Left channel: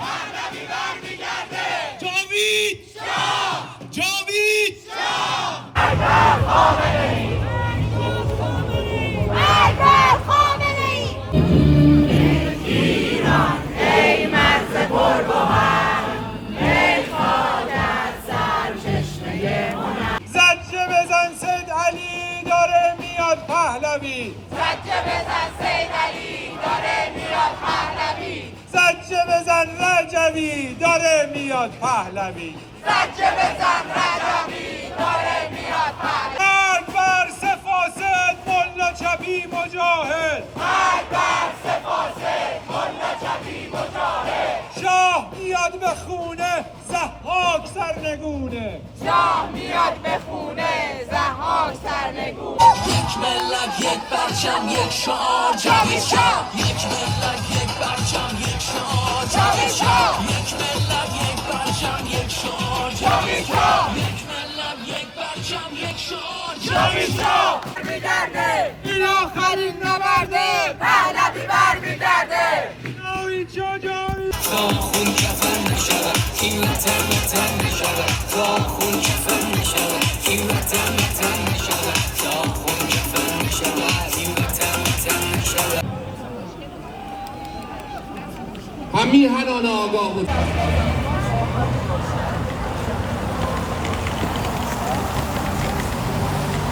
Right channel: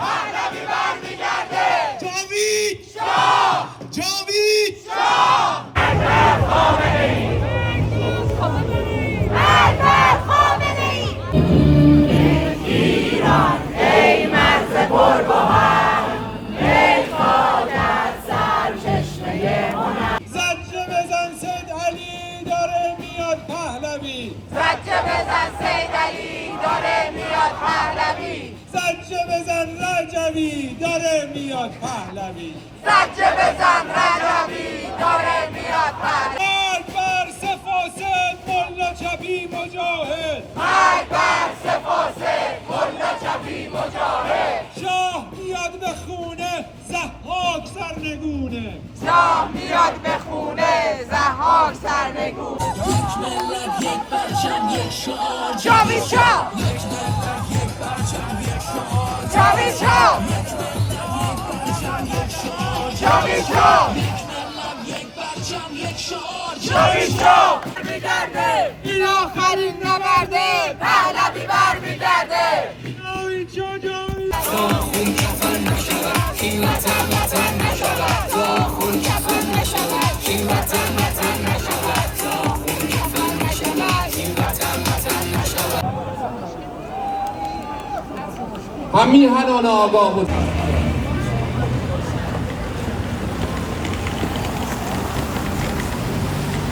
پهلوی برمیگرده. جاوید شاه، جاوید شاه. اکبر خامنه‌ای، اکبر خامنه‌ای. ایران ای مرز پرگوهر، ای خواجه سرچشمه هنر. زجه بزن سید علی داره میاد پهلوی. زجه بزن سید علی داره میاد پهلوی. زجه بزن رجوی داره میاد پهلوی. زجه بزن رجوی داره میاد پهلوی. مرگ بر سفاسد ملا چپی مجاهد. مرگ بر سفاسد ملا چپی مجاهد. شاه میاد به خونه ضحاک سرنگونه. شاه میاد به خونه ضحاک سرنگونه. یک ملت یک پرچم یک شعار جاوید شاه. یک ملت یک پرچم یک شعار جاوید شاه. یک ملت یک پرچم یک شعار جاوید شاه. یک ملت یک پرچم یک شعار جاوید شاه. برمیگرده این آخرین نبرده. پهلوی برمیگرده. جاوید شاه، جاوید خون کفن نشود این وطن وطن نشود. خون کفن نشود این وطن وطن نشود. خون کفن نشود این وطن وطن نشود. هم میهنان آگاه